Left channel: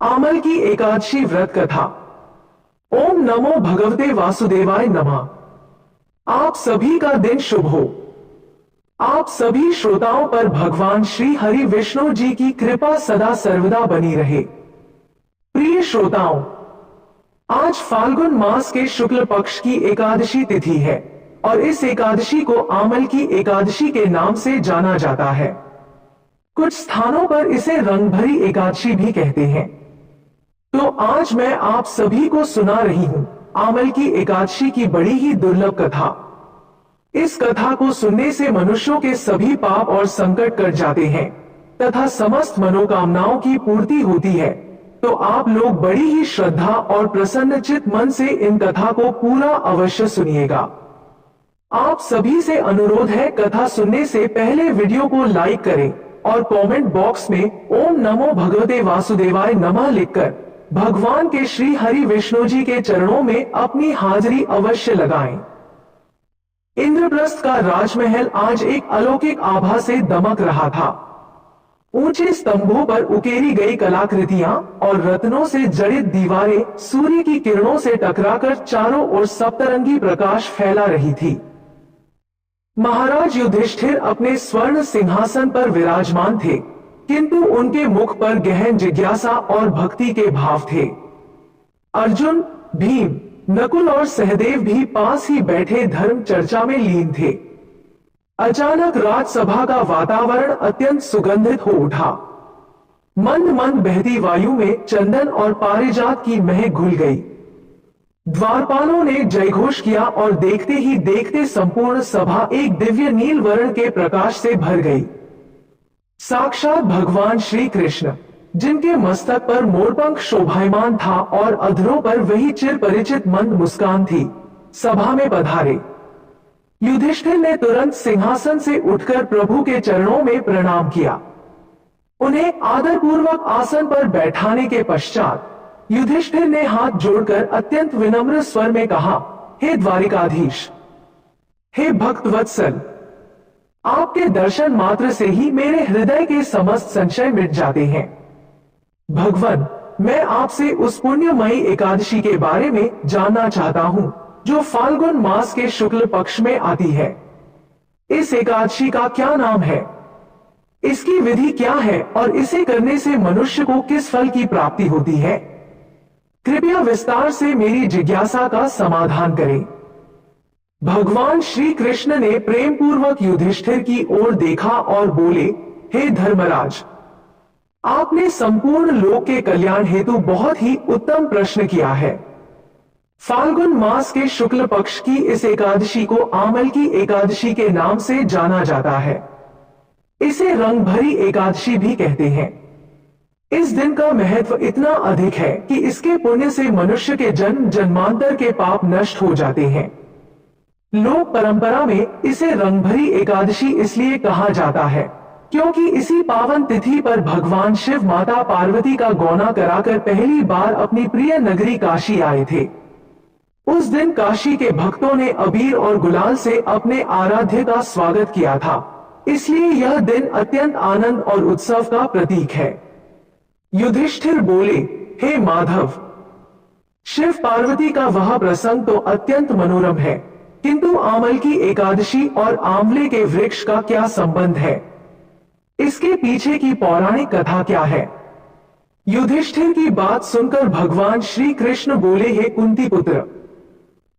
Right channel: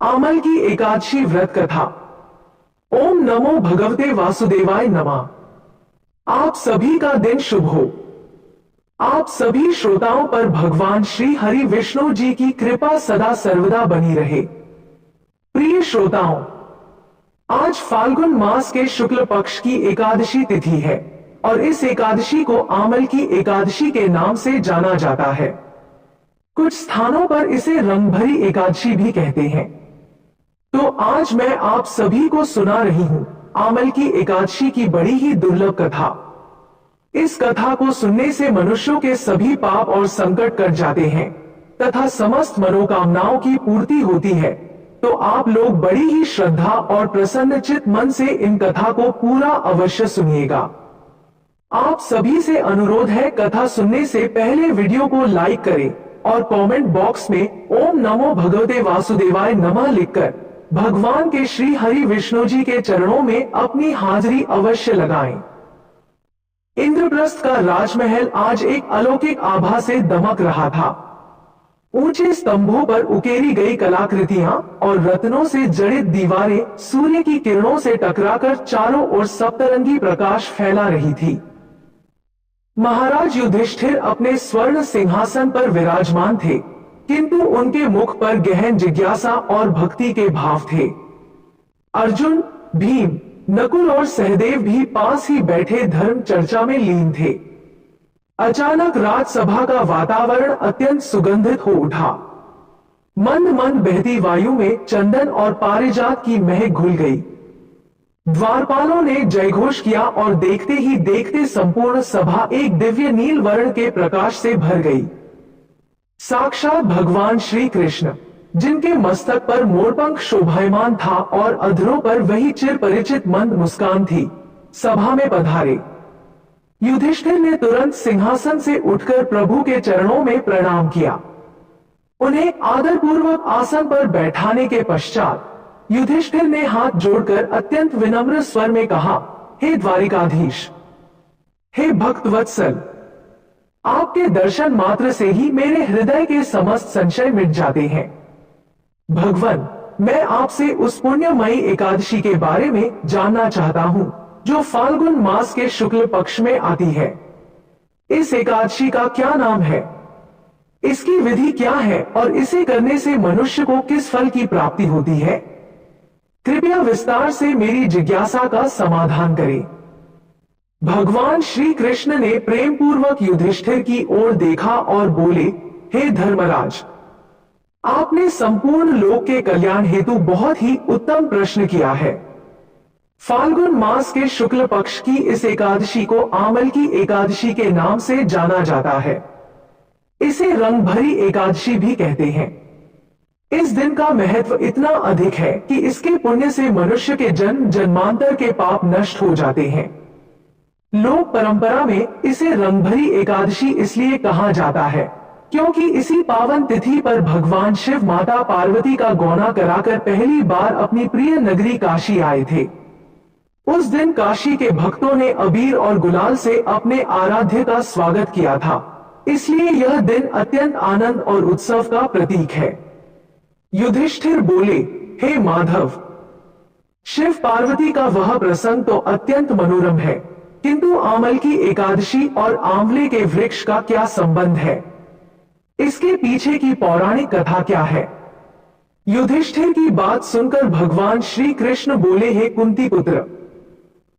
आमल की एकादशी व्रत कथा। ओम नमो भगवते वासुदेवाय नमः। आप सभी का दिन शुभ हो। आप सभी श्रोताओं पर भगवान श्री हरि विष्णु जी की कृपा सदा सर्वदा बनी रहे। प्रिय श्रोताओं, आज फाल्गुन मास के शुक्ल पक्ष की एकादशी तिथि है और इस एकादशी को आमल की एकादशी के नाम से जाना जाता है। कुछ स्थानों पर इसे रंगभरी एकादशी भी कहते हैं। तो आज मैं आप सभी को सुना रही हूं आमल की एकादशी की बड़ी ही दुर्लभ कथा। इस कथा को सुनने से मनुष्यों के सभी पाप और संकट कट जाते हैं तथा समस्त मनोकामनाओं की पूर्ति होती है। तो आप लोग बड़ी ही श्रद्धा और प्रसन्नचित मन से इन कथा को पूरा अवश्य सुनिएगा। आप सभी से अनुरोध है, कथा सुनने से पहले वीडियो को लाइक करें और कमेंट बॉक्स में ओम नमो भगवते वासुदेवाय नमः लिखकर भगवान के श्री हरि विष्णु जी के चरणों में अपनी हाजिरी अवश्य लगाएं। इंद्रप्रस्थ का राजमहल आज एक अलौकिक आभा से दमक रहा था। ऊंचे स्तंभों पर उकेरी गई कलाकृतियां और रत्नों से जड़ित दीवारें सूर्य की किरणों से टकराकर चारों ओर सप्तरंगी प्रकाश फैला रही थी। महाराज युधिष्ठिर अपने स्वर्ण सिंहासन पर विराजमान थे, किंतु उनके मुख पर गहन जिज्ञासा और भक्ति के भाव थे। अर्जुन, भीम, नकुल और सहदेव भी पास ही बैठे धर्म चर्चा में लीन थे। अचानक राजसभा का वातावरण अत्यंत सुगंधित हो उठा। मंद मंद बहती वायु में चंदन और पारिजात की महक घुल गई। द्वारपालों ने जयघोष किया और देखते ही देखते संपूर्ण सभा एक दिव्य नील वर्ण के प्रकाश से भर गई। साक्षात भगवान श्री कृष्ण, जिनके मस्तक पर मोरपंख शोभायमान था और अधरों पर वही चिर परिचित मंद मुस्कान थी, सभा में पधारे। युधिष्ठिर ने तुरंत सिंहासन से उठकर प्रभु के चरणों में प्रणाम किया। उन्हें आदरपूर्वक आसन पर बैठाने के पश्चात युधिष्ठिर ने हाथ जोड़कर अत्यंत विनम्र स्वर में कहा, हे द्वारिकाधीश, हे भक्त वत्सल, आपके दर्शन मात्र से ही मेरे हृदय के समस्त संशय मिट जाते हैं। भगवान, मैं आपसे उस पुण्यमयी एकादशी के बारे में जानना चाहता हूं जो फाल्गुन मास के शुक्ल पक्ष में आती है। इस एकादशी का क्या नाम है, इसकी विधि क्या है और इसे करने से मनुष्य को किस फल की प्राप्ति होती है? कृपया विस्तार से मेरी जिज्ञासा का समाधान करें। भगवान श्री कृष्ण ने प्रेम पूर्वक युधिष्ठिर की ओर देखा और बोले, हे धर्मराज, आपने संपूर्ण लोक के कल्याण हेतु बहुत ही उत्तम प्रश्न किया है। फाल्गुन मास के शुक्ल पक्ष की इस एकादशी को आमल की एकादशी के नाम से जाना जाता है। इसे रंगभरी एकादशी भी कहते हैं। इस दिन का महत्व इतना अधिक है कि इसके पुण्य से मनुष्य के जन्म जन्मांतर के पाप नष्ट हो जाते हैं। लोक परंपरा में इसे रंगभरी एकादशी इसलिए कहा जाता है क्योंकि इसी पावन तिथि पर भगवान शिव माता पार्वती का गौना कराकर पहली बार अपनी प्रिय नगरी काशी आए थे। उस दिन काशी के भक्तों ने अबीर और गुलाल से अपने आराध्य का स्वागत किया था, इसलिए यह दिन अत्यंत आनंद और उत्सव का प्रतीक है। युधिष्ठिर बोले, हे माधव, शिव पार्वती का वह प्रसंग तो अत्यंत मनोरम है, किंतु आमल की एकादशी और आंवले के वृक्ष का क्या संबंध है? इसके पीछे की पौराणिक कथा क्या है? युधिष्ठिर की बात सुनकर भगवान श्री कृष्ण बोले, हे कुंती पुत्र,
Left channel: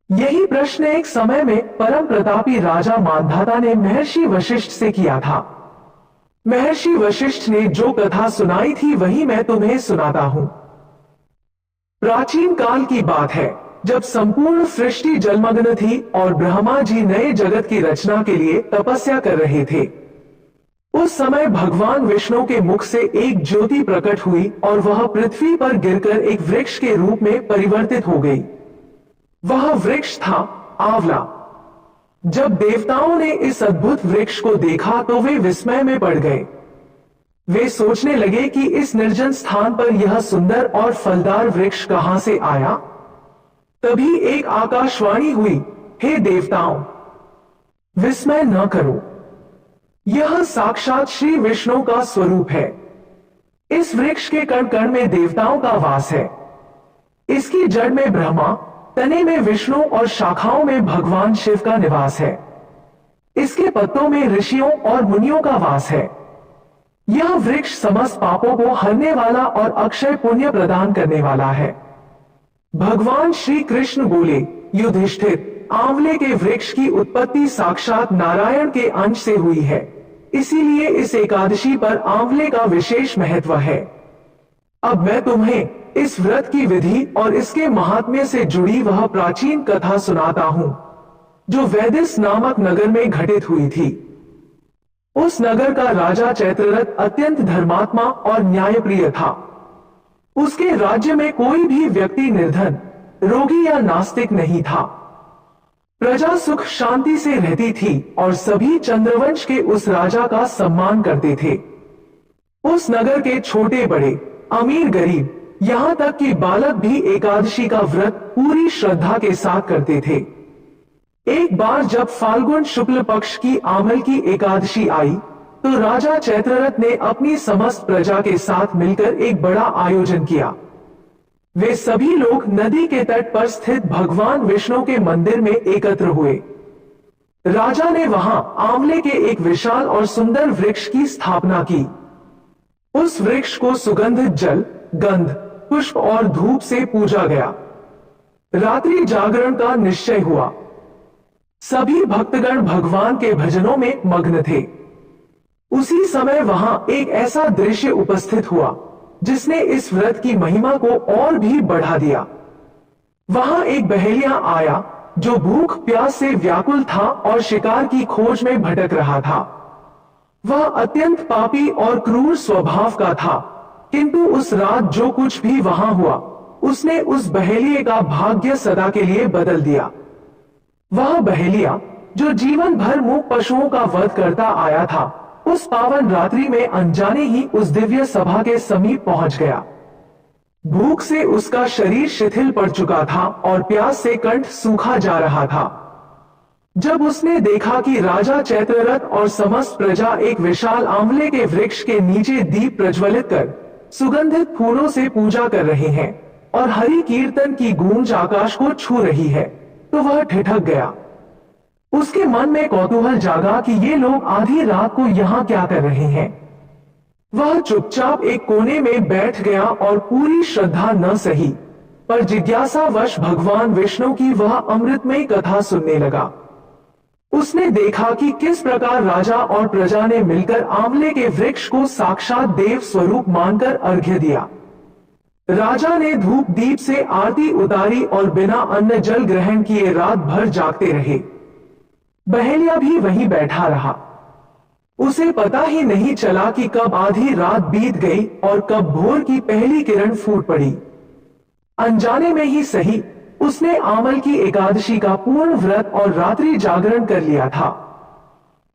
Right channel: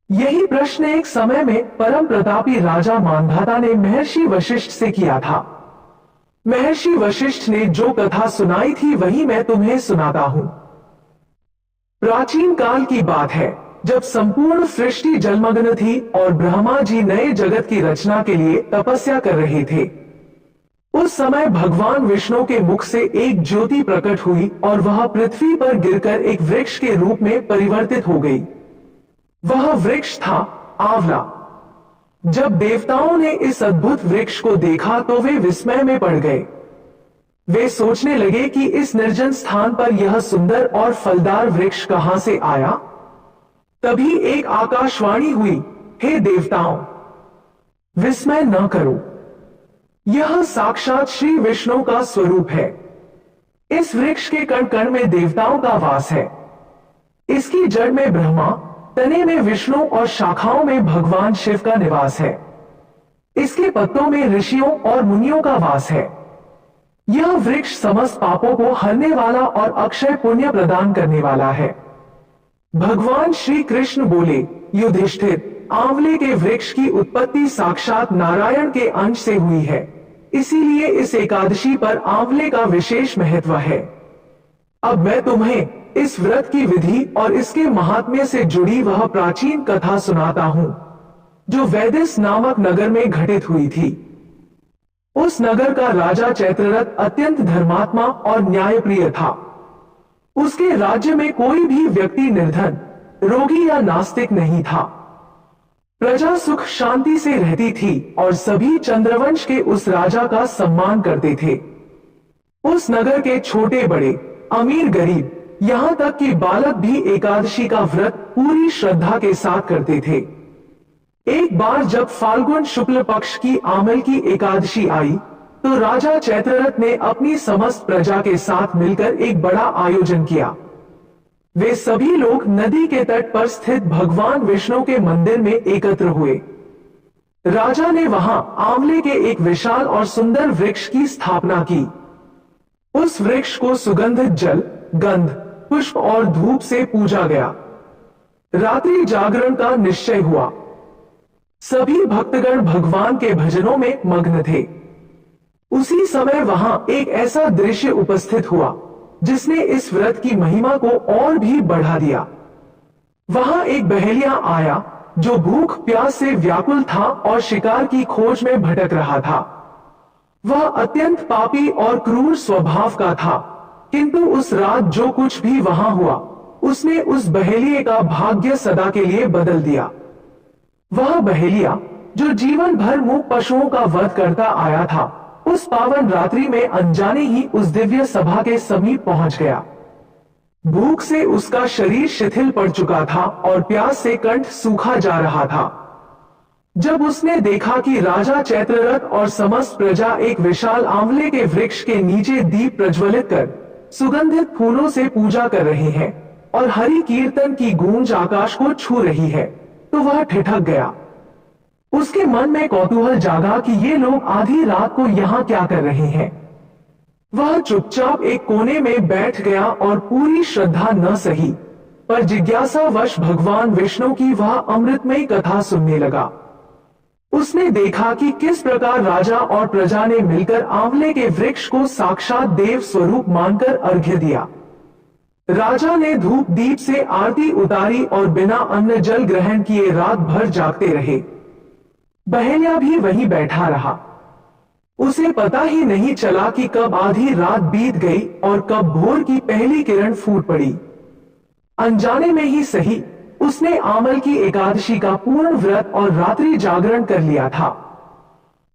यही प्रश्न एक समय में परम प्रतापी राजा मांधाता ने महर्षि वशिष्ठ से किया था। महर्षि वशिष्ठ ने जो कथा सुनाई थी वही मैं तुम्हें सुनाता हूं। प्राचीन काल की बात है, जब संपूर्ण सृष्टि जलमग्न थी और ब्रह्मा जी नए जगत की रचना के लिए तपस्या कर रहे थे। उस समय भगवान विष्णु के मुख से एक ज्योति प्रकट हुई और वह पृथ्वी पर गिरकर एक वृक्ष के रूप में परिवर्तित हो गई। वह वृक्ष था आंवला। जब देवताओं ने इस अद्भुत वृक्ष को देखा तो वे विस्मय में पड़ गए। वे सोचने लगे कि इस निर्जन स्थान पर यह सुंदर और फलदार वृक्ष कहां से आया। तभी एक आकाशवाणी हुई, हे देवताओं, विस्मय न करो, यह साक्षात श्री विष्णु का स्वरूप है। इस वृक्ष के कण कण में देवताओं का वास है। इसकी जड़ में ब्रह्मा, तने में विष्णु और शाखाओं में भगवान शिव का निवास है। इसके पत्तों में ऋषियों और मुनियों का वास है। यह वृक्ष समस्त पापों को हरने वाला और अक्षय पुण्य प्रदान करने वाला है। भगवान श्री कृष्ण बोले, युधिष्ठिर, आंवले के वृक्ष की उत्पत्ति साक्षात नारायण के अंश से हुई है, इसीलिए इस एकादशी पर आंवले का विशेष महत्व है। अब मैं तुम्हें इस व्रत की विधि और इसके महात्म्य से जुड़ी वह प्राचीन कथा सुनाता हूं, जो वैदिस नामक नगर में घटित हुई थी। उस नगर का राजा चैत्ररथ अत्यंत धर्मात्मा और न्यायप्रिय था। उसके राज्य में कोई भी व्यक्ति निर्धन, रोगी या नास्तिक नहीं था। प्रजा सुख शांति से रहती थी और सभी चंद्रवंश के उस राजा का सम्मान करते थे। उस नगर के छोटे बड़े, अमीर गरीब, यहां तक कि बालक भी एकादशी का व्रत पूरी श्रद्धा के साथ करते थे। एक बार जब फाल्गुन शुक्ल पक्ष की आमल की एकादशी आई, तो राजा चैत्ररथ ने अपनी समस्त प्रजा के साथ मिलकर एक बड़ा आयोजन किया। वे सभी लोग नदी के तट पर स्थित भगवान विष्णु के मंदिर में एकत्र हुए। राजा ने वहां आंवले के एक विशाल और सुंदर वृक्ष की स्थापना की। उस वृक्ष को सुगंधित जल, गंध, पुष्प और धूप से पूजा गया। रात्रि जागरण का निश्चय हुआ। सभी भक्तगण भगवान के भजनों में मग्न थे। उसी समय वहां एक ऐसा दृश्य उपस्थित हुआ जिसने इस व्रत की महिमा को और भी बढ़ा दिया। वहां एक बहेलिया आया जो भूख प्यास से व्याकुल था और शिकार की खोज में भटक रहा था। वह अत्यंत पापी और क्रूर स्वभाव का था, किंतु उस रात जो कुछ भी वहां हुआ, उसने उस बहेलिये का भाग्य सदा के लिए बदल दिया। वह बहेलिया जो जीवन भर मूक पशुओं का वध करता आया था, उस पावन रात्रि में अनजाने ही उस दिव्य सभा के समीप पहुंच गया। भूख से उसका शरीर शिथिल पड़ चुका था और प्यास से कंठ सूखा जा रहा था। जब उसने देखा कि राजा चैत्ररथ और समस्त प्रजा एक विशाल आंवले के वृक्ष के नीचे दीप प्रज्वलित कर सुगंधित फूलों से पूजा कर रहे हैं और हरि कीर्तन की गूंज आकाश को छू रही है, तो वह ठिठक गया। उसके मन में कौतूहल जागा कि ये लोग आधी रात को यहाँ क्या कर रहे हैं। वह चुपचाप एक कोने में बैठ गया और पूरी श्रद्धा न सही, पर जिज्ञासावश भगवान विष्णु की वह अमृतमयी कथा सुनने लगा। उसने देखा कि किस प्रकार राजा और प्रजा ने मिलकर आंवले के वृक्ष को साक्षात देव स्वरूप मानकर अर्घ्य दिया। राजा ने धूप दीप से आरती उतारी और बिना अन्न जल ग्रहण किए रात भर जागते रहे। बहेलिया भी वहीं बैठा रहा। उसे पता ही नहीं चला कि कब आधी रात बीत गई और कब भोर की पहली किरण फूट पड़ी। अनजाने में ही सही, उसने आमल की एकादशी का पूर्ण व्रत और रात्रि जागरण कर लिया था।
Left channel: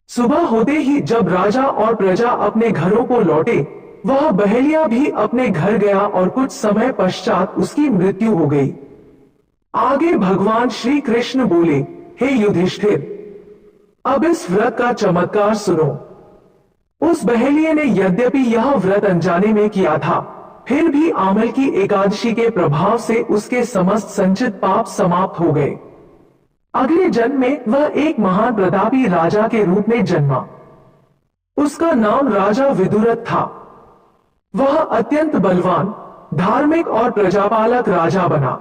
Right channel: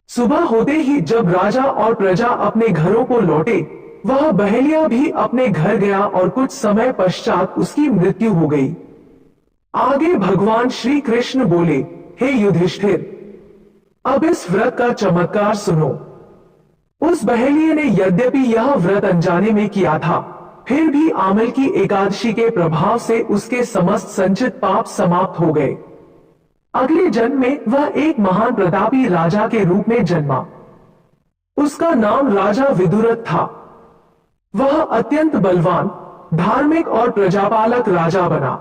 सुबह होते ही जब राजा और प्रजा अपने घरों को लौटे, वह बहेलिया भी अपने घर गया और कुछ समय पश्चात उसकी मृत्यु हो गई। आगे भगवान श्री कृष्ण बोले, हे युधिष्ठिर, अब इस व्रत का चमत्कार सुनो। उस बहेलिये ने यद्यपि यह व्रत अनजाने में किया था, फिर भी आमल की एकादशी के प्रभाव से उसके समस्त संचित पाप समाप्त हो गए। अगले जन्म में वह एक महान प्रतापी राजा के रूप में जन्मा। उसका नाम राजा विदुरथ था। वह अत्यंत बलवान, धार्मिक और प्रजापालक राजा बना।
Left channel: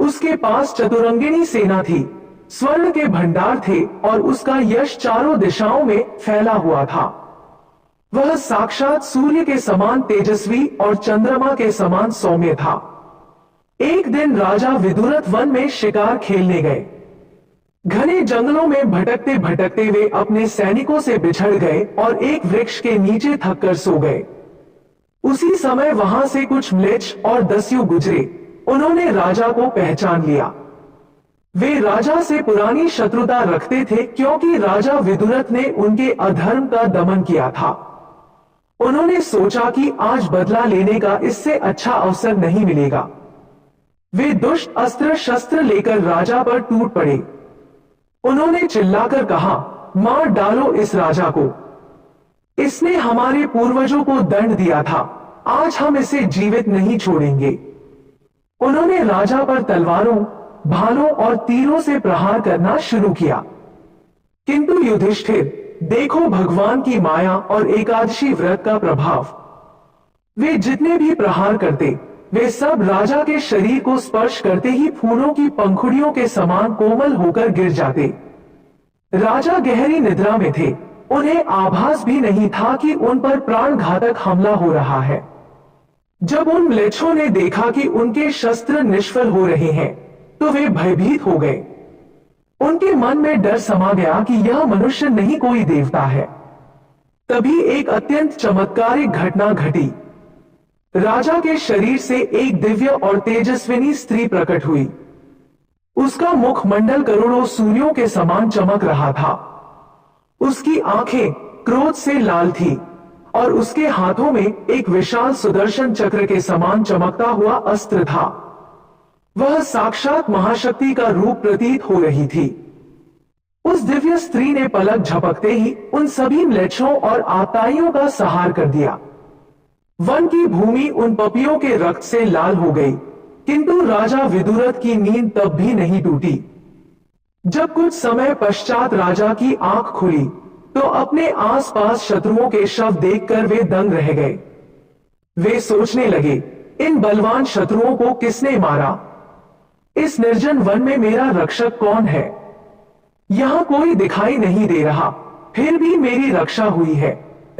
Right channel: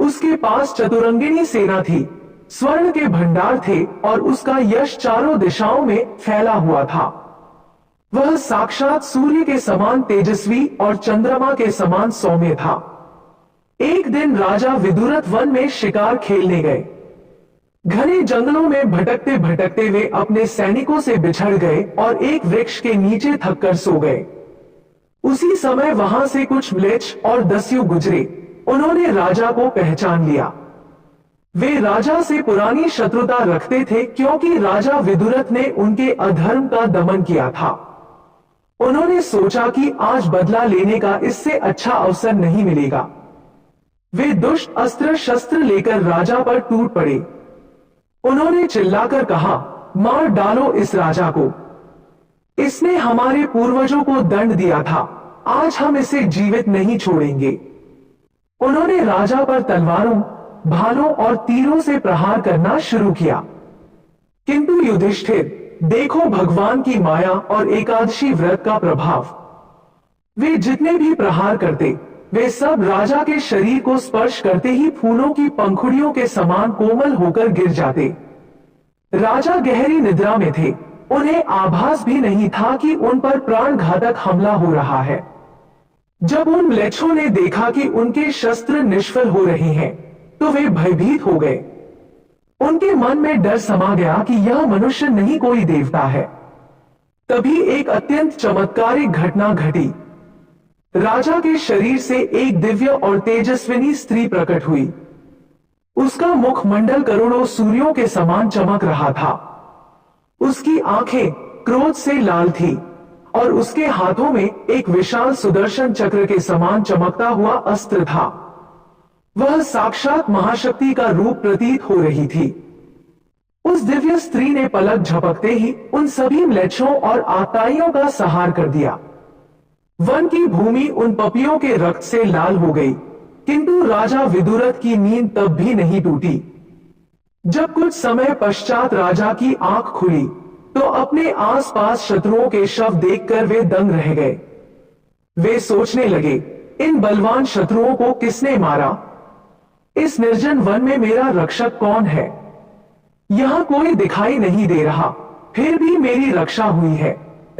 उसके पास चतुरंगिणी सेना थी, स्वर्ण के भंडार थे और उसका यश चारों दिशाओं में फैला हुआ था। वह साक्षात सूर्य के समान तेजस्वी और चंद्रमा के समान सौम्य था। एक दिन राजा विदुरथ वन में शिकार खेलने गए। घने जंगलों में भटकते भटकते वे अपने सैनिकों से बिछड़ गए और एक वृक्ष के नीचे थककर सो गए। उसी समय वहां से कुछ म्लेच्छ और दस्यु गुजरे। उन्होंने राजा को पहचान लिया। वे राजा से पुरानी शत्रुता रखते थे, क्योंकि राजा विदुरथ ने उनके अधर्म का दमन किया था। उन्होंने सोचा कि आज बदला लेने का इससे अच्छा अवसर नहीं मिलेगा। वे दुष्ट अस्त्र शस्त्र लेकर राजा पर टूट पड़े। उन्होंने चिल्लाकर कहा, मार डालो इस राजा को। इसने हमारे पूर्वजों को दंड दिया था, आज हम इसे जीवित नहीं छोड़ेंगे। उन्होंने राजा पर तलवारों, भालों और तीरों से प्रहार करना शुरू किया। किंतु युधिष्ठिर, देखो भगवान की माया और एकादशी व्रत का प्रभाव। वे जितने भी प्रहार करते, वे सब राजा के शरीर को स्पर्श करते ही फूलों की पंखुड़ियों के समान कोमल होकर गिर जाते। राजा गहरी निद्रा में थे, उन्हें आभास भी नहीं था कि उन पर प्राण घातक हमला हो रहा है। जब उन म्लेच्छों ने देखा कि उनके शस्त्र निष्फल हो रहे हैं, तो वे भयभीत हो गए। उनके मन में डर समा गया कि यह मनुष्य नहीं कोई देवता है। तभी एक अत्यंत चमत्कारिक घटना घटी। राजा के शरीर से एक दिव्य और तेजस्विनी स्त्री प्रकट हुई। उसका मुखमंडल करोड़ों सूर्यों के समान चमक रहा था। उसकी आंखें क्रोध से लाल थी और उसके हाथों में एक विशाल सुदर्शन चक्र के समान चमकता हुआ अस्त्र था। वह साक्षात महाशक्ति का रूप प्रतीत हो रही थी। उस दिव्य स्त्री ने पलक झपकते ही उन सभी म्लेच्छों और आताइयों का संहार कर दिया। वन की भूमि उन पपियों के रक्त से लाल हो गई, किंतु राजा विदुरथ की नींद तब भी नहीं टूटी। जब कुछ समय पश्चात राजा की आंख खुली, तो अपने आसपास शत्रुओं के शव देखकर वे दंग रह गए। वे सोचने लगे, इन बलवान शत्रुओं को किसने मारा? इस निर्जन वन में मेरा रक्षक कौन है? यहां कोई दिखाई नहीं दे रहा, फिर भी मेरी रक्षा हुई है।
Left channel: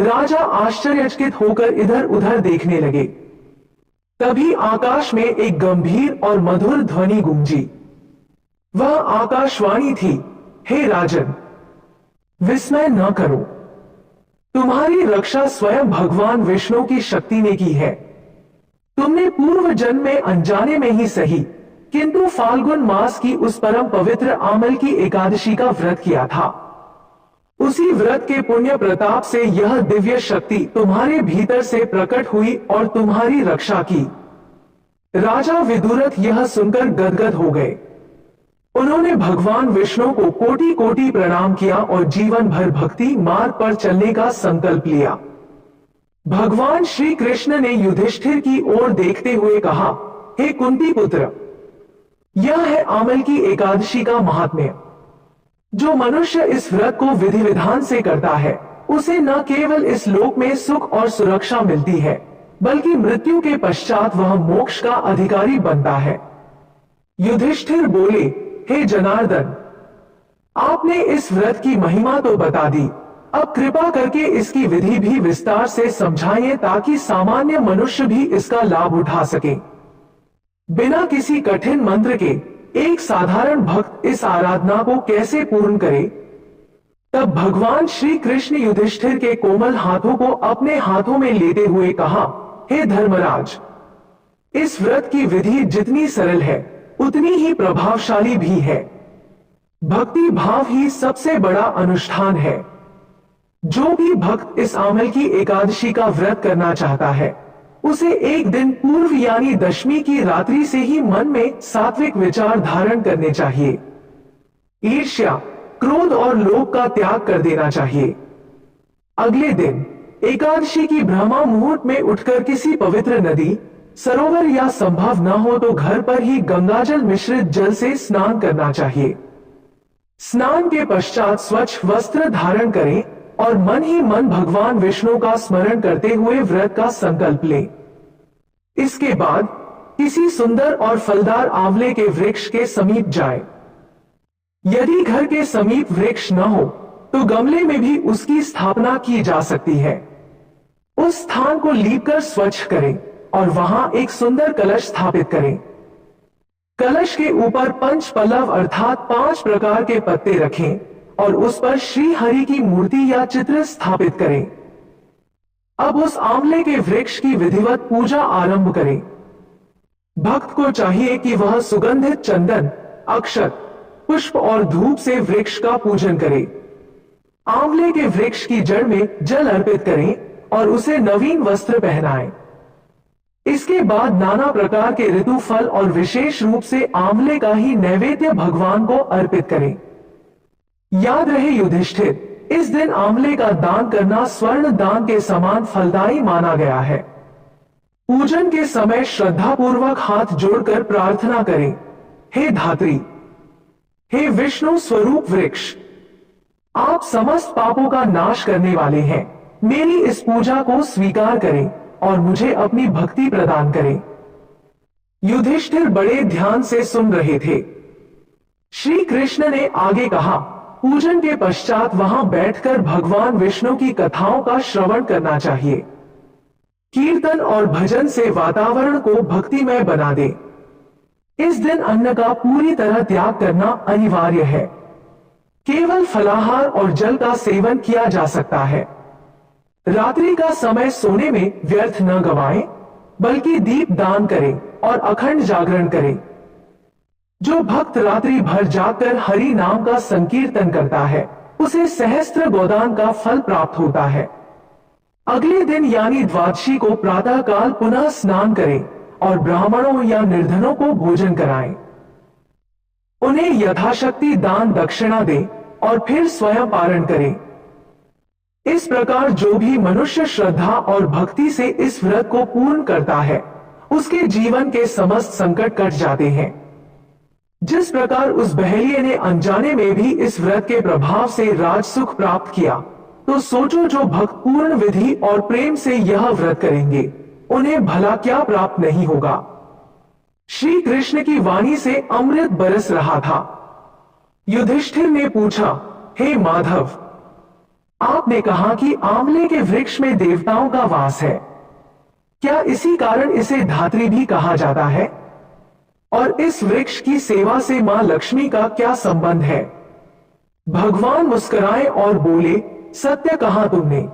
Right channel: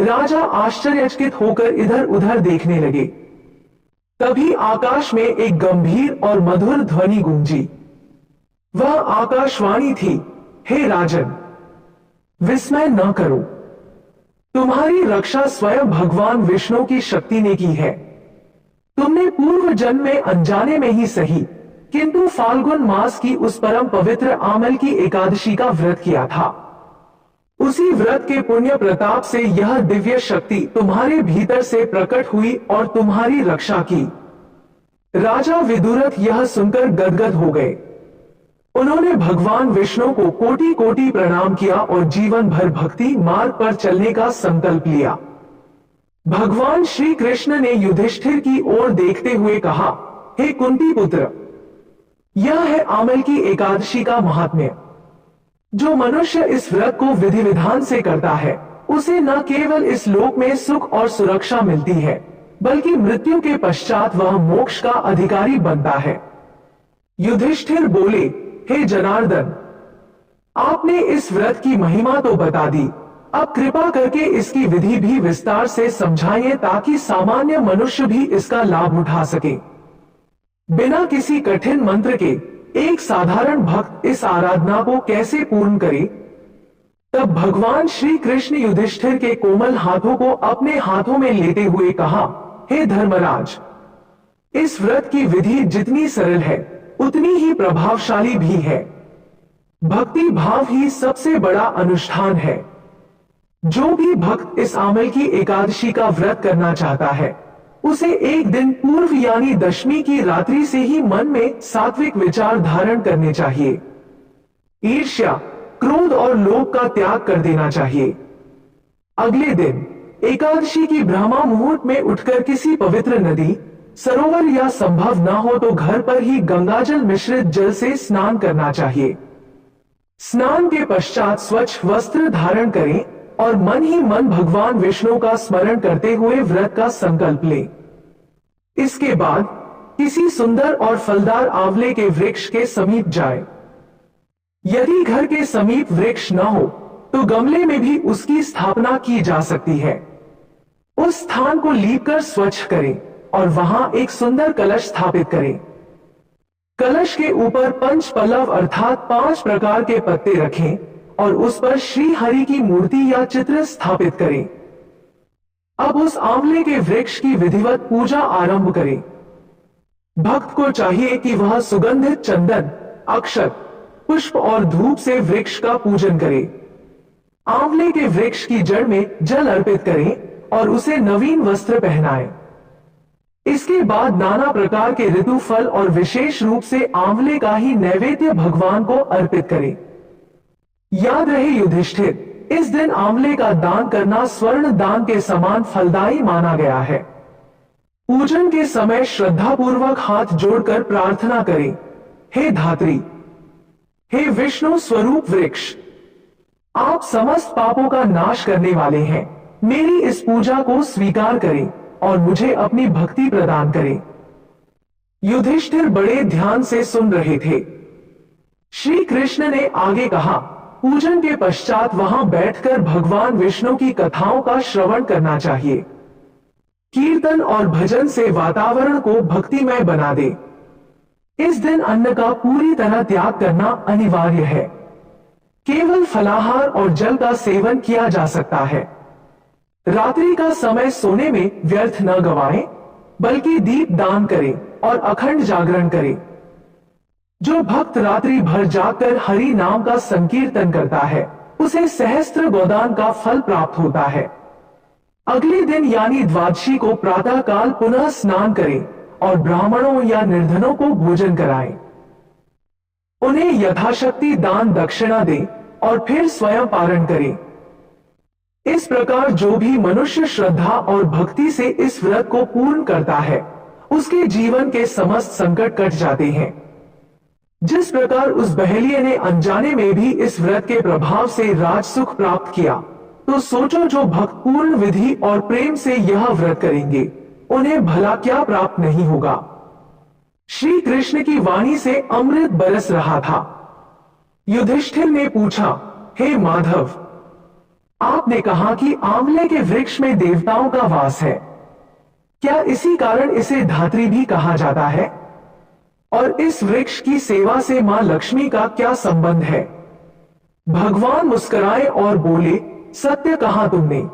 राजा आश्चर्यचकित होकर इधर उधर देखने लगे। तभी आकाश में एक गंभीर और मधुर ध्वनि गूंजी। वह आकाशवाणी थी, हे राजन, विस्मय न करो, तुम्हारी रक्षा स्वयं भगवान विष्णु की शक्ति ने की है। तुमने पूर्व जन्म में अनजाने में ही सही, किंतु फाल्गुन मास की उस परम पवित्र आमल की एकादशी का व्रत किया था। उसी व्रत के पुण्य प्रताप से यह दिव्य शक्ति तुम्हारे भीतर से प्रकट हुई और तुम्हारी रक्षा की। राजा विदुरथ यह सुनकर गदगद हो गए। उन्होंने भगवान विष्णु को कोटि कोटि प्रणाम किया और जीवन भर भक्ति मार्ग पर चलने का संकल्प लिया। भगवान श्री कृष्ण ने युधिष्ठिर की ओर देखते हुए कहा, हे कुंती पुत्र, यह है आमल की एकादशी का महात्म्य। जो मनुष्य इस व्रत को विधि विधान से करता है, उसे न केवल इस लोक में सुख और सुरक्षा मिलती है, बल्कि मृत्यु के पश्चात वह मोक्ष का अधिकारी बनता है। युधिष्ठिर बोले, हे जनार्दन, आपने इस व्रत की महिमा तो बता दी, अब कृपा करके इसकी विधि भी विस्तार से समझाइए ताकि सामान्य मनुष्य भी इसका लाभ उठा सके। बिना किसी कठिन मंत्र के एक साधारण भक्त इस आराधना को कैसे पूर्ण करे? तब भगवान श्री कृष्ण युधिष्ठिर के कोमल हाथों को अपने हाथों में लेते हुए कहा, हे धर्मराज, इस व्रत की विधि जितनी सरल है, उतनी ही प्रभावशाली भी है। भक्ति भाव ही सबसे बड़ा अनुष्ठान है। जो भी भक्त इस आमल की एकादशी का व्रत करना चाहता है, उसे एक दिन पूर्व यानी दशमी की रात्रि से ही मन में सात्विक विचार धारण करने चाहिए। ईर्ष्या, क्रोध और लोभ का त्याग कर देना चाहिए। अगले दिन एकादशी की ब्रह्मा मुहूर्त में उठकर किसी पवित्र नदी, सरोवर या संभव न हो तो घर पर ही गंगाजल मिश्रित जल से स्नान करना चाहिए। स्नान के पश्चात स्वच्छ वस्त्र धारण करें और मन ही मन भगवान विष्णु का स्मरण करते हुए व्रत का संकल्प लें। इसके बाद किसी सुंदर और फलदार आंवले के वृक्ष के समीप जाएं। यदि घर के समीप वृक्ष न हो तो गमले में भी उसकी स्थापना की जा सकती है। उस स्थान को लीपकर स्वच्छ करें और वहां एक सुंदर कलश स्थापित करें। कलश के ऊपर पंच पल्लव अर्थात 5 प्रकार के पत्ते रखें और उस पर श्री हरि की मूर्ति या चित्र स्थापित करें। अब उस आंवले के वृक्ष की विधिवत पूजा आरंभ करें। भक्त को चाहिए कि वह सुगंधित चंदन, अक्षत, पुष्प और धूप से वृक्ष का पूजन करे। आंवले के वृक्ष की जड़ में जल अर्पित करें और उसे नवीन वस्त्र पहनाएं। इसके बाद नाना प्रकार के ऋतु फल और विशेष रूप से आंवले का ही नैवेद्य भगवान को अर्पित करें। याद रहे युधिष्ठिर, इस दिन आंवले का दान करना स्वर्ण दान के समान फलदायी माना गया है। पूजन के समय श्रद्धापूर्वक हाथ जोड़कर प्रार्थना करें, हे धात्री, हे विष्णु स्वरूप वृक्ष, आप समस्त पापों का नाश करने वाले हैं। मेरी इस पूजा को स्वीकार करें और मुझे अपनी भक्ति प्रदान करें। युधिष्ठिर बड़े ध्यान से सुन रहे थे। श्री कृष्ण ने आगे कहा, पूजन के पश्चात वहां बैठकर भगवान विष्णु की कथाओं का श्रवण करना चाहिए। कीर्तन और भजन से वातावरण को भक्तिमय बना दे। इस दिन अन्न का पूरी तरह त्याग करना अनिवार्य है। केवल फलाहार और जल का सेवन किया जा सकता है। रात्रि का समय सोने में व्यर्थ न गवाएं, बल्कि दीप दान करें और अखंड जागरण करें। जो भक्त रात्रि भर जागकर हरि नाम का संकीर्तन करता है, उसे सहस्त्र गोदान का फल प्राप्त होता है। अगले दिन यानी द्वादशी को प्रातः काल पुनः स्नान करें और ब्राह्मणों या निर्धनों को भोजन कराएं। उन्हें यथाशक्ति दान दक्षिणा दें और फिर स्वयं पारण करें। इस प्रकार जो भी मनुष्य श्रद्धा और भक्ति से इस व्रत को पूर्ण करता है, उसके जीवन के समस्त संकट कट जाते हैं। जिस प्रकार उस बहेलिये ने अनजाने में भी इस व्रत के प्रभाव से राजसुख प्राप्त किया, तो सोचो जो भक्त पूर्ण विधि और प्रेम से यह व्रत करेंगे, उन्हें भला क्या प्राप्त नहीं होगा। श्री कृष्ण की वाणी से अमृत बरस रहा था। युधिष्ठिर ने पूछा, हे माधव, आपने कहा कि आंवले के वृक्ष में देवताओं का वास है। क्या इसी कारण इसे धात्री भी कहा जाता है? और इस वृक्ष की सेवा से मां लक्ष्मी का क्या संबंध है? भगवान मुस्कुराए और बोले, सत्य कहा तुमने।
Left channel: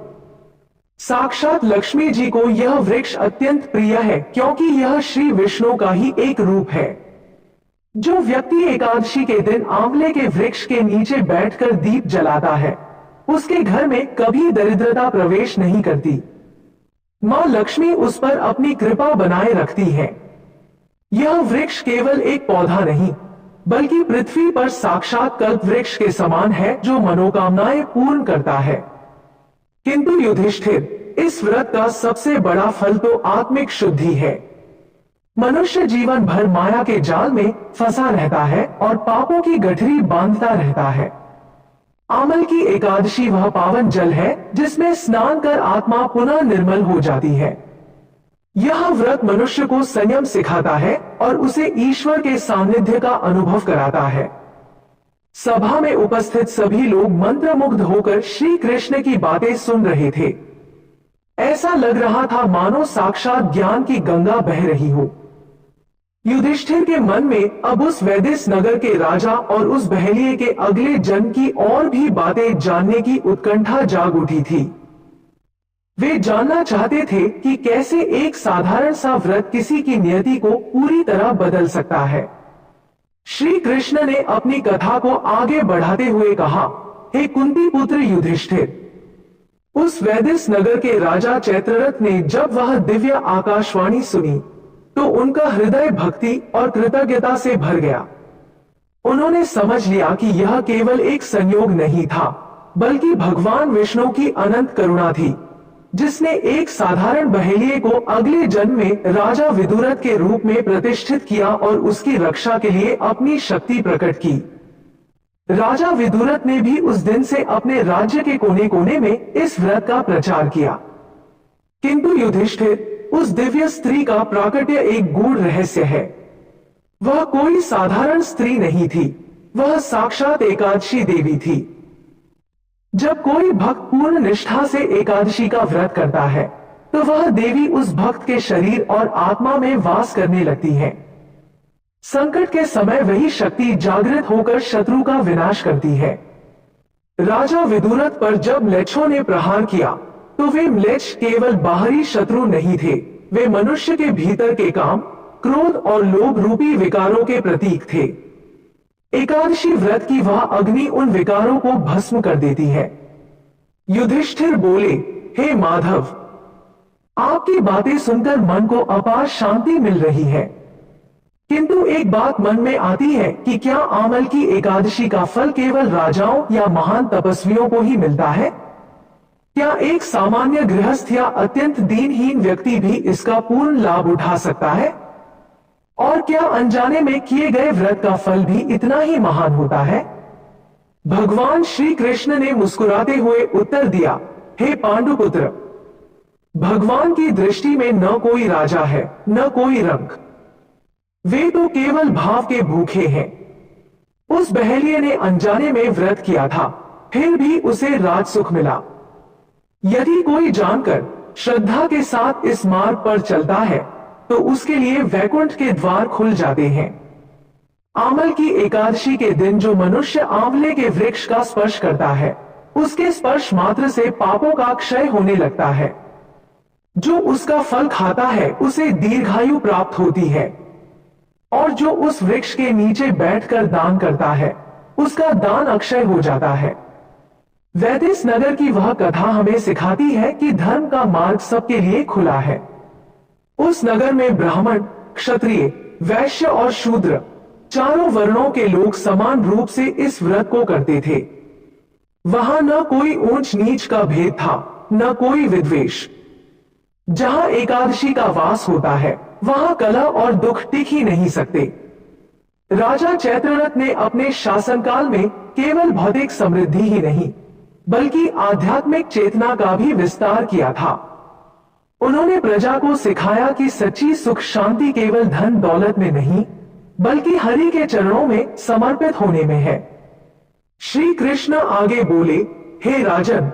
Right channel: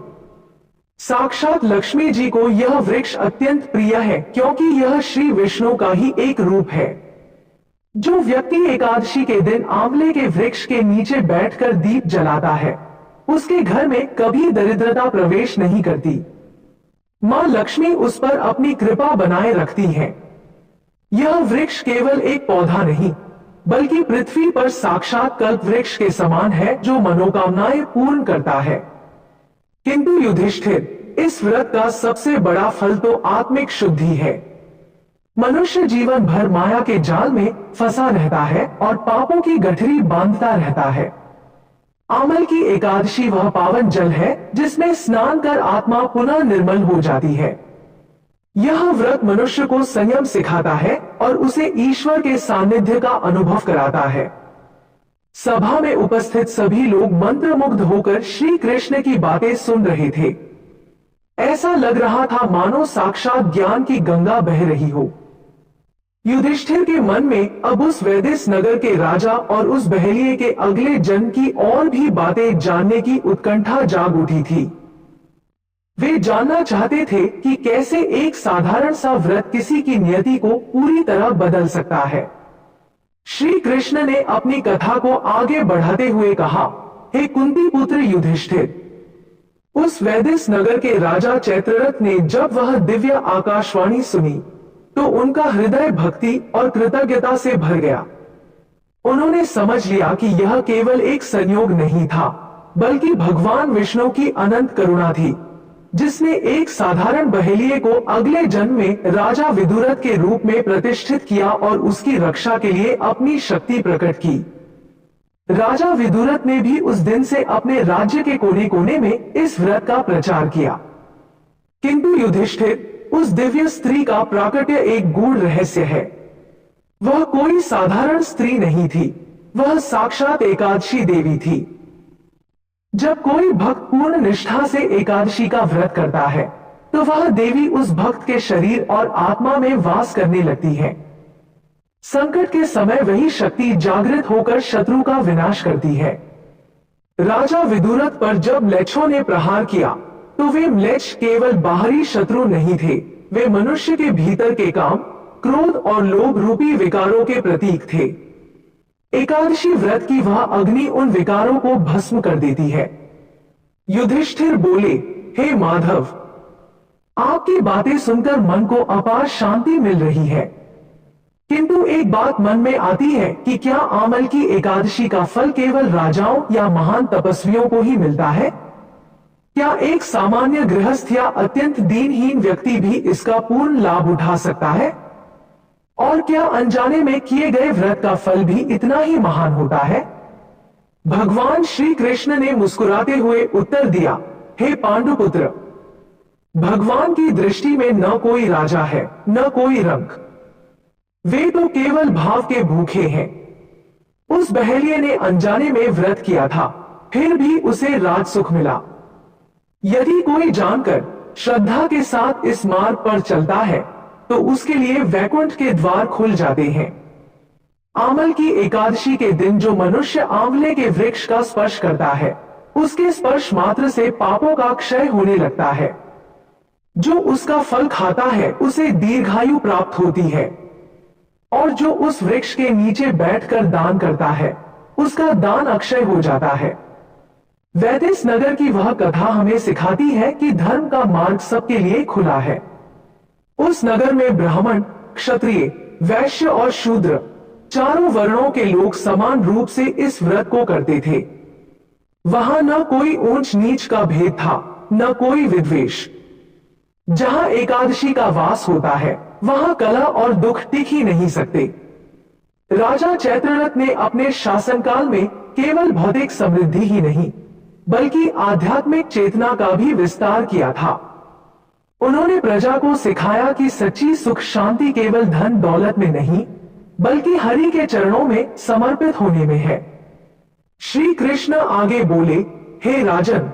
साक्षात लक्ष्मी जी को यह वृक्ष अत्यंत प्रिय है, क्योंकि यह श्री विष्णु का ही एक रूप है। जो व्यक्ति एकादशी के दिन आंवले के वृक्ष के नीचे बैठकर दीप जलाता है, उसके घर में कभी दरिद्रता प्रवेश नहीं करती। मां लक्ष्मी उस पर अपनी कृपा बनाए रखती है। यह वृक्ष केवल एक पौधा नहीं, बल्कि पृथ्वी पर साक्षात कल्प वृक्ष के समान है, जो मनोकामनाएं पूर्ण करता है। किंतु युधिष्ठिर, इस व्रत का सबसे बड़ा फल तो आत्मिक शुद्धि है। मनुष्य जीवन भर माया के जाल में फंसा रहता है और पापों की गठरी बांधता रहता है। आमल की एकादशी वह पावन जल है जिसमें स्नान कर आत्मा पुनः निर्मल हो जाती है। यह व्रत मनुष्य को संयम सिखाता है और उसे ईश्वर के सानिध्य का अनुभव कराता है। सभा में उपस्थित सभी लोग मंत्रमुग्ध होकर श्री कृष्ण की बातें सुन रहे थे। ऐसा लग रहा था मानो साक्षात ज्ञान की गंगा बह रही हो। युधिष्ठिर के मन में अब उस वैदिस नगर के राजा और उस बहेलिये के अगले जन्म की और भी बातें जानने की उत्कंठा जाग उठी थी। वे जानना चाहते थे कि कैसे एक साधारण सा व्रत किसी की नियति को पूरी तरह बदल सकता है। श्री कृष्ण ने अपनी कथा को आगे बढ़ाते हुए कहा, हे कुंती पुत्र युधिष्ठिर, उस वैदिस नगर के राजा चैत्ररथ ने जब वह दिव्य आकाशवाणी सुनी, तो उनका हृदय भक्ति और कृतज्ञता से भर गया। उन्होंने समझ लिया कि यह केवल एक संयोग नहीं था, बल्कि भगवान विष्णु की अनंत करुणा थी, जिसने एक साधारण बहेलिये को अगले जन्म में राजा विदुरथ के रूप में प्रतिष्ठित किया और उसकी रक्षा के लिए अपनी शक्ति प्रकट की। राजा विदुरथ ने भी उस दिन से अपने राज्य के कोने कोने में इस व्रत का प्रचार किया। किंतु युधिष्ठिर, उस दिव्य स्त्री का प्राकट्य एक गूढ़ रहस्य है। वह कोई साधारण स्त्री नहीं थी, वह साक्षात एकादशी देवी थी। जब कोई भक्त पूर्ण निष्ठा से एकादशी का व्रत करता है, तो वह देवी उस भक्त के शरीर और आत्मा में वास करने लगती है। संकट के समय वही शक्ति जागृत होकर शत्रु का विनाश करती है। राजा विदुरथ पर जब म्लेच्छों ने प्रहार किया, तो वे म्लेच्छ केवल बाहरी शत्रु नहीं थे, वे मनुष्य के भीतर के काम, क्रोध और लोभ रूपी विकारों के प्रतीक थे। एकादशी व्रत की वह अग्नि उन विकारों को भस्म कर देती है। युधिष्ठिर बोले, हे माधव, आपकी बातें सुनकर मन को अपार शांति मिल रही है। किंतु एक बात मन में आती है कि क्या आमल की एकादशी का फल केवल राजाओं या महान तपस्वियों को ही मिलता है? क्या एक सामान्य गृहस्थ या अत्यंत दीनहीन व्यक्ति भी इसका पूर्ण लाभ उठा सकता है? और क्या अनजाने में किए गए व्रत का फल भी इतना ही महान होता है? भगवान श्री कृष्ण ने मुस्कुराते हुए उत्तर दिया, हे पांडुपुत्र, भगवान की दृष्टि में न कोई राजा है न कोई रंक, वे तो केवल भाव के भूखे हैं। उस बहेलिये ने अनजाने में व्रत किया था, फिर भी उसे राजसुख मिला। यदि कोई जानकर श्रद्धा के साथ इस मार्ग पर चलता है तो उसके लिए वैकुंठ के द्वार खुल जाते हैं। आमल की एकादशी के दिन जो मनुष्य आंवले के वृक्ष का स्पर्श करता है, उसके स्पर्श मात्र से पापों का क्षय होने लगता है। जो उसका फल खाता है उसे दीर्घायु प्राप्त होती है, और जो उस वृक्ष के नीचे बैठकर दान करता है उसका दान अक्षय हो जाता है। वैदेश नगर की वह कथा हमें सिखाती है कि धर्म का मार्ग सबके लिए खुला है। उस नगर में ब्राह्मण, क्षत्रिय, वैश्य और शूद्र चारों वर्णों के लोग समान रूप से इस व्रत को करते थे। वहां न कोई ऊंच नीच का भेद था, न कोई विद्वेष। जहां एकादशी का वास होता है वहां कलह और दुख टिक ही नहीं सकते। राजा चैत्ररथ ने अपने शासनकाल में केवल भौतिक समृद्धि ही नहीं बल्कि आध्यात्मिक चेतना का भी विस्तार किया था। उन्होंने प्रजा को सिखाया कि सच्ची सुख शांति केवल धन दौलत में नहीं बल्कि हरि के चरणों में समर्पित होने में है। श्री कृष्ण आगे बोले, हे राजन,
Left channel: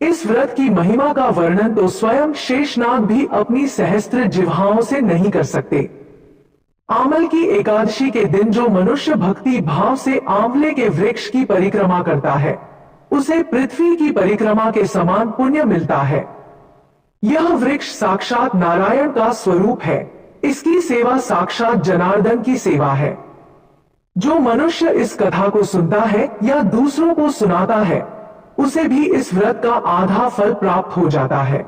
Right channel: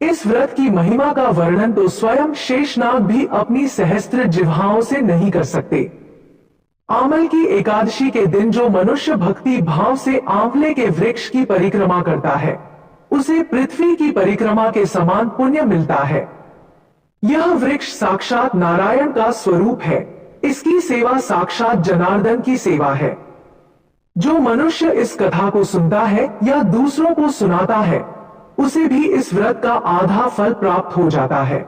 इस व्रत की महिमा का वर्णन तो स्वयं शेषनाग भी अपनी सहस्त्र जिह्वाओं से नहीं कर सकते। आमल की एकादशी के दिन जो मनुष्य भक्ति भाव से आंवले के वृक्ष की परिक्रमा करता है उसे पृथ्वी की परिक्रमा के समान पुण्य मिलता है। यह वृक्ष साक्षात नारायण का स्वरूप है। इसकी सेवा साक्षात जनार्दन की सेवा है। जो मनुष्य इस कथा को सुनता है या दूसरों को सुनाता है उसे भी इस व्रत का आधा फल प्राप्त हो जाता है।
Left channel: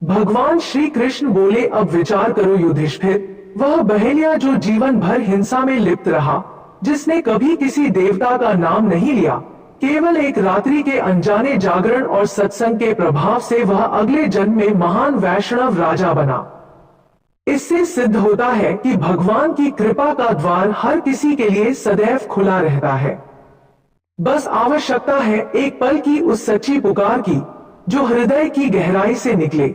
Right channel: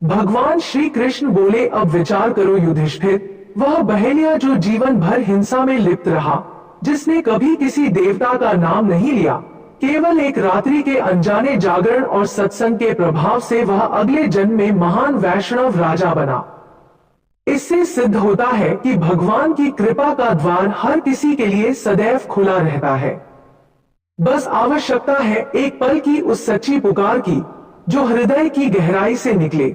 भगवान श्री कृष्ण बोले, अब विचार करो युधिष्ठिर, वह बहेलिया जो जीवन भर हिंसा में लिप्त रहा, जिसने कभी किसी देवता का नाम नहीं लिया, केवल एक रात्रि के अनजाने जागरण और सत्संग के प्रभाव से वह अगले जन्म में महान वैष्णव राजा बना। इससे सिद्ध होता है कि भगवान की कृपा का द्वार हर किसी के लिए सदैव खुला रहता है। बस आवश्यकता है एक पल की उस सच्ची पुकार की जो हृदय की गहराई से निकले।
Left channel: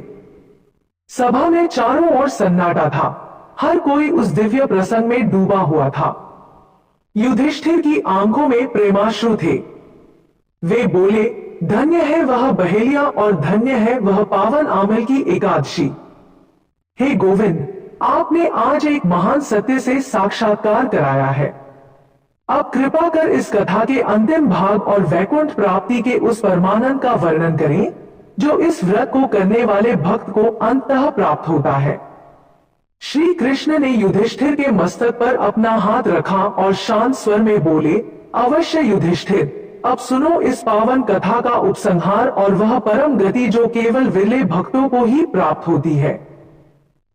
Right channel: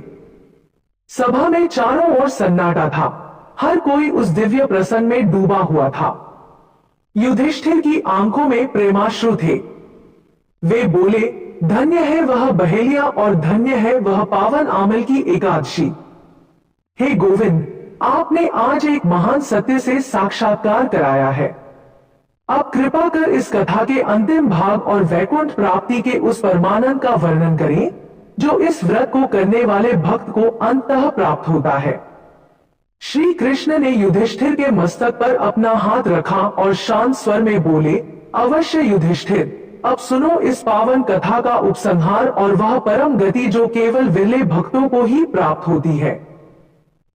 सभा में चारों ओर सन्नाटा था। हर कोई उस दिव्य प्रसंग में डूबा हुआ था। युधिष्ठिर की आंखों में प्रेमाश्रु थे। वे बोले, धन्य है वह बहेलिया और धन्य है वह पावन आमल की एकादशी। हे गोविंद, आपने आज एक महान सत्य से साक्षात्कार कराया है। अब कृपा कर इस कथा के अंतिम भाग और वैकुंठ प्राप्ति के उस परमानंद का वर्णन करें जो इस व्रत को करने वाले भक्त को अंततः प्राप्त होता है। श्री कृष्ण ने युधिष्ठिर के मस्तक पर अपना हाथ रखा और शांत स्वर में बोले, अवश्य युधिष्ठिर, अब सुनो इस पावन कथा का उपसंहार और वह परम गति जो केवल विरले भक्तों को ही प्राप्त होती है।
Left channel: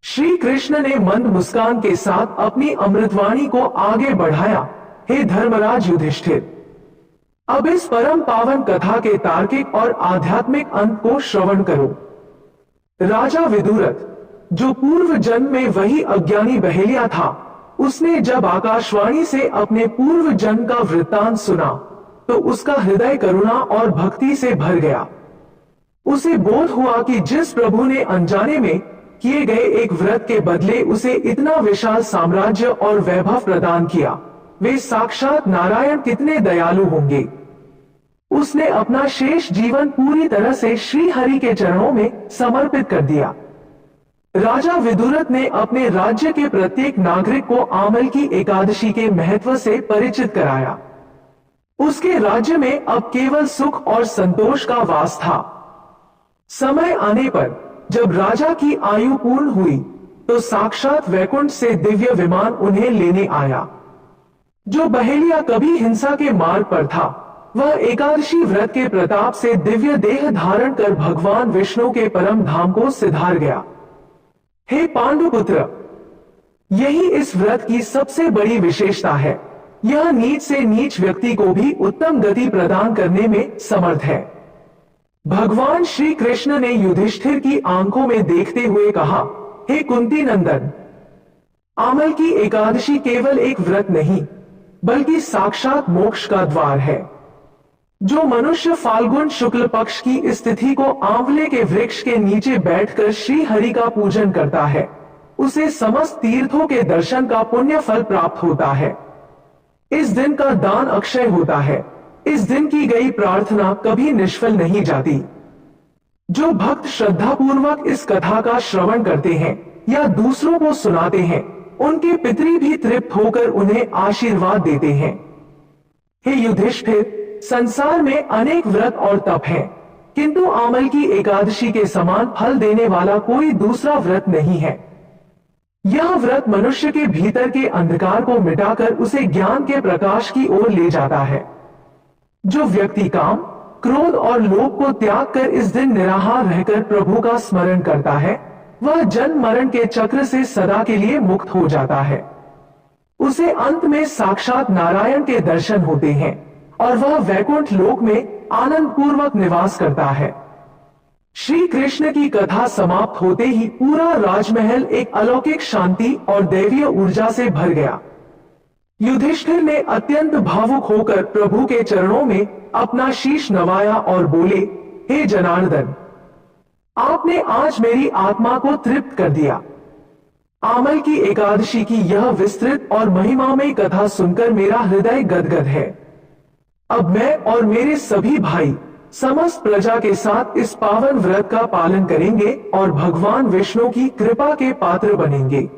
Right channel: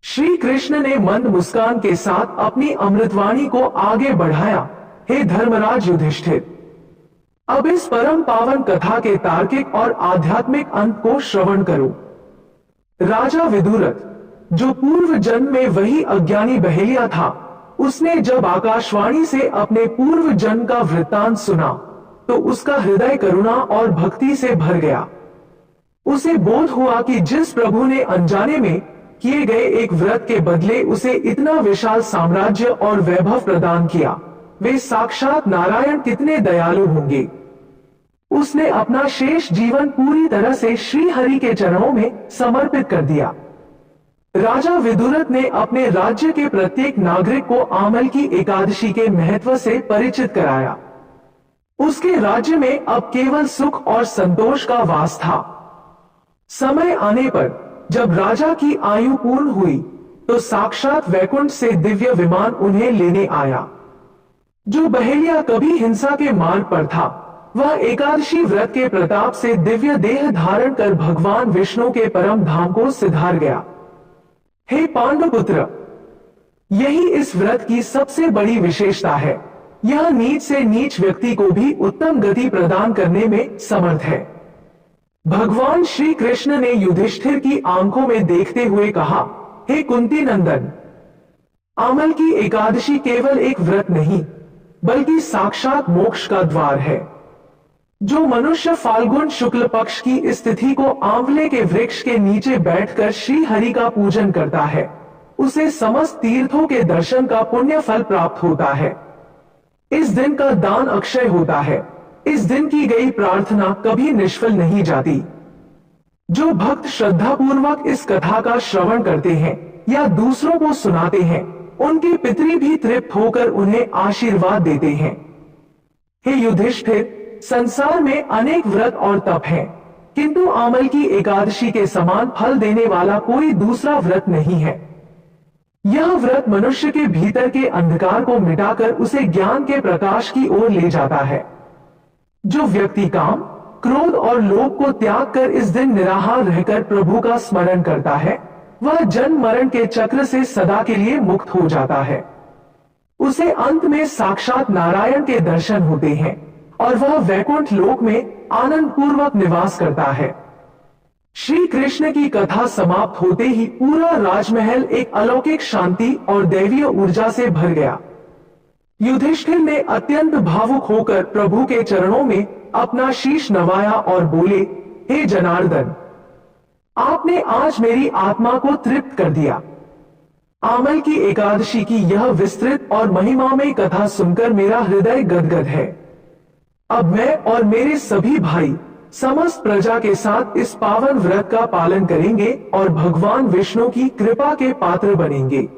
श्री कृष्ण ने मंद मुस्कान के साथ अपनी अमृतवाणी को आगे बढ़ाया, हे धर्मराज युधिष्ठिर, अब इस परम पावन कथा के तार्किक और आध्यात्मिक अंत को श्रवण करो। राजा विदुरथ, जो पूर्व जन्म में वही अज्ञानी बहेलिया था, उसने जब आकाशवाणी से अपने पूर्व जन्म का वृत्तांत सुना तो उसका हृदय करुणा और भक्ति से भर गया। उसे बोध हुआ कि जिस प्रभु ने अनजाने में किए गए एक व्रत के बदले उसे इतना विशाल साम्राज्य और वैभव प्रदान किया, वे साक्षात नारायण कितने दयालु होंगे। उसने अपना शेष जीवन पूरी तरह से श्री हरि के चरणों में समर्पित कर दिया। राजा विदुरथ ने अपने राज्य के प्रत्येक नागरिक को आमल की एकादशी के महत्व से परिचित कराया। उसके राज्य में अब केवल सुख और संतोष का वास था। समय आने पर जब राजा की आयु पूर्ण हुई तो साक्षात वैकुंठ से दिव्य विमान उन्हें लेने आया। जो बहेलिया कभी हिंसा के मार्ग पर था, वह एकादशी व्रत के प्रताप से दिव्य देह धारण कर भगवान विष्णु के परम धाम को सिधार गया। हे पांडुपुत्र, यही इस व्रत की सबसे बड़ी विशेषता है। यह नीच से नीच व्यक्ति को भी उत्तम गति प्रदान करने में समर्थ है। भगवान श्री कृष्ण ने युधिष्ठिर की आंखों में देखते हुए कहा, हे कुंती नंदन, आमल की एकादशी केवल एक व्रत नहीं बल्कि साक्षात मोक्ष का द्वार है। जो मनुष्य फाल्गुन शुक्ल पक्ष की इस तिथि को आंवले के वृक्ष के नीचे बैठकर श्री हरि का पूजन करता है, उसे समस्त तीर्थों के दर्शन का पुण्य फल प्राप्त होता है। इस दिन का दान अक्षय होता है। इस दिन की गई प्रार्थना कभी निष्फल नहीं जाती। जो भक्त श्रद्धापूर्वक इस कथा का श्रवण करते हैं या दूसरों को सुनाते हैं, उनके पितरी भी तृप्त होकर उन्हें आशीर्वाद देते हैं। हे युधिष्ठिर, संसार में अनेक व्रत और तप हैं, किंतु आमल की एकादशी के समान फल देने वाला कोई दूसरा व्रत नहीं है। यह व्रत मनुष्य के भीतर के अंधकार को मिटाकर उसे ज्ञान के प्रकाश की ओर ले जाता है। जो व्यक्ति काम, क्रोध और लोभ को त्याग कर इस दिन निराहार रहकर प्रभु का स्मरण करता है, वह जन्म मरण के चक्र से सदा के लिए मुक्त हो जाता है। उसे अंत में साक्षात नारायण के दर्शन होते हैं और वह वैकुंठ लोक में आनंद पूर्वक निवास करता है। श्री कृष्ण की कथा समाप्त होते ही पूरा राजमहल एक अलौकिक शांति और दैवीय ऊर्जा से भर गया। युधिष्ठिर ने अत्यंत भावुक होकर प्रभु के चरणों में अपना शीश नवाया और बोले, हे जनार्दन, आपने आज मेरी आत्मा को तृप्त कर दिया। आमल की एकादशी की यह विस्तृत और महिमामय कथा सुनकर मेरा हृदय गदगद है। अब मैं और मेरे सभी भाई समस्त प्रजा के साथ इस पावन व्रत का पालन करेंगे और भगवान विष्णु की कृपा के पात्र बनेंगे।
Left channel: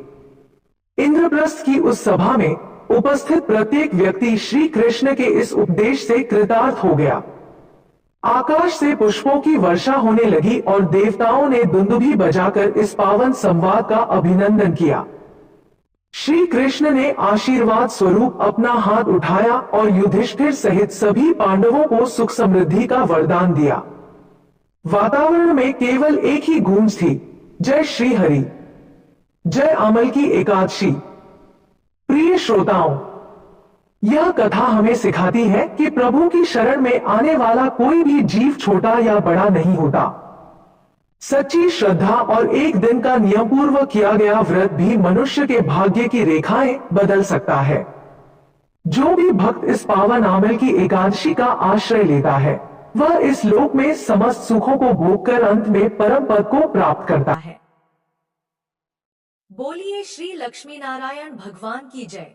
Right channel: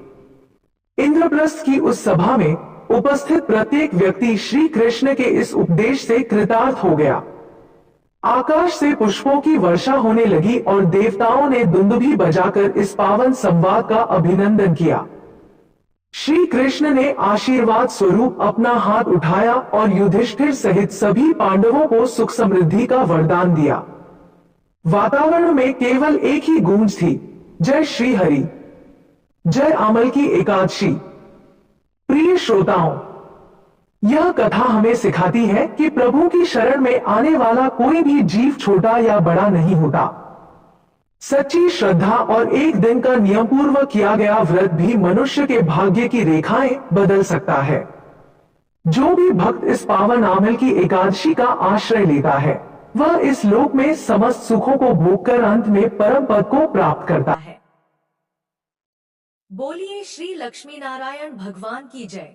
इंद्रप्रस्थ की उस सभा में उपस्थित प्रत्येक व्यक्ति श्री कृष्ण के इस उपदेश से कृतार्थ हो गया। आकाश से पुष्पों की वर्षा होने लगी और देवताओं ने दुंदुभी बजाकर इस पावन संवाद का अभिनंदन किया। श्री कृष्ण ने आशीर्वाद स्वरूप अपना हाथ उठाया और युधिष्ठिर सहित सभी पांडवों को सुख समृद्धि का वरदान दिया। वातावरण में केवल एक ही गूंज थी, जय श्री हरि, जय आमल की एकादशी। प्रिय श्रोताओं, यह कथा हमें सिखाती है कि प्रभु की शरण में आने वाला कोई भी जीव छोटा या बड़ा नहीं होता। सच्ची श्रद्धा और एक दिन का नियम पूर्वक किया गया व्रत भी मनुष्य के भाग्य की रेखाएं बदल सकता है। जो भी भक्त इस पावन आमल की एकादशी का आश्रय लेता है, वह इस लोक में समस्त सुखों को भोगकर अंत में परम पद को प्राप्त करता है। बोलिए श्री लक्ष्मी नारायण भगवान की जय।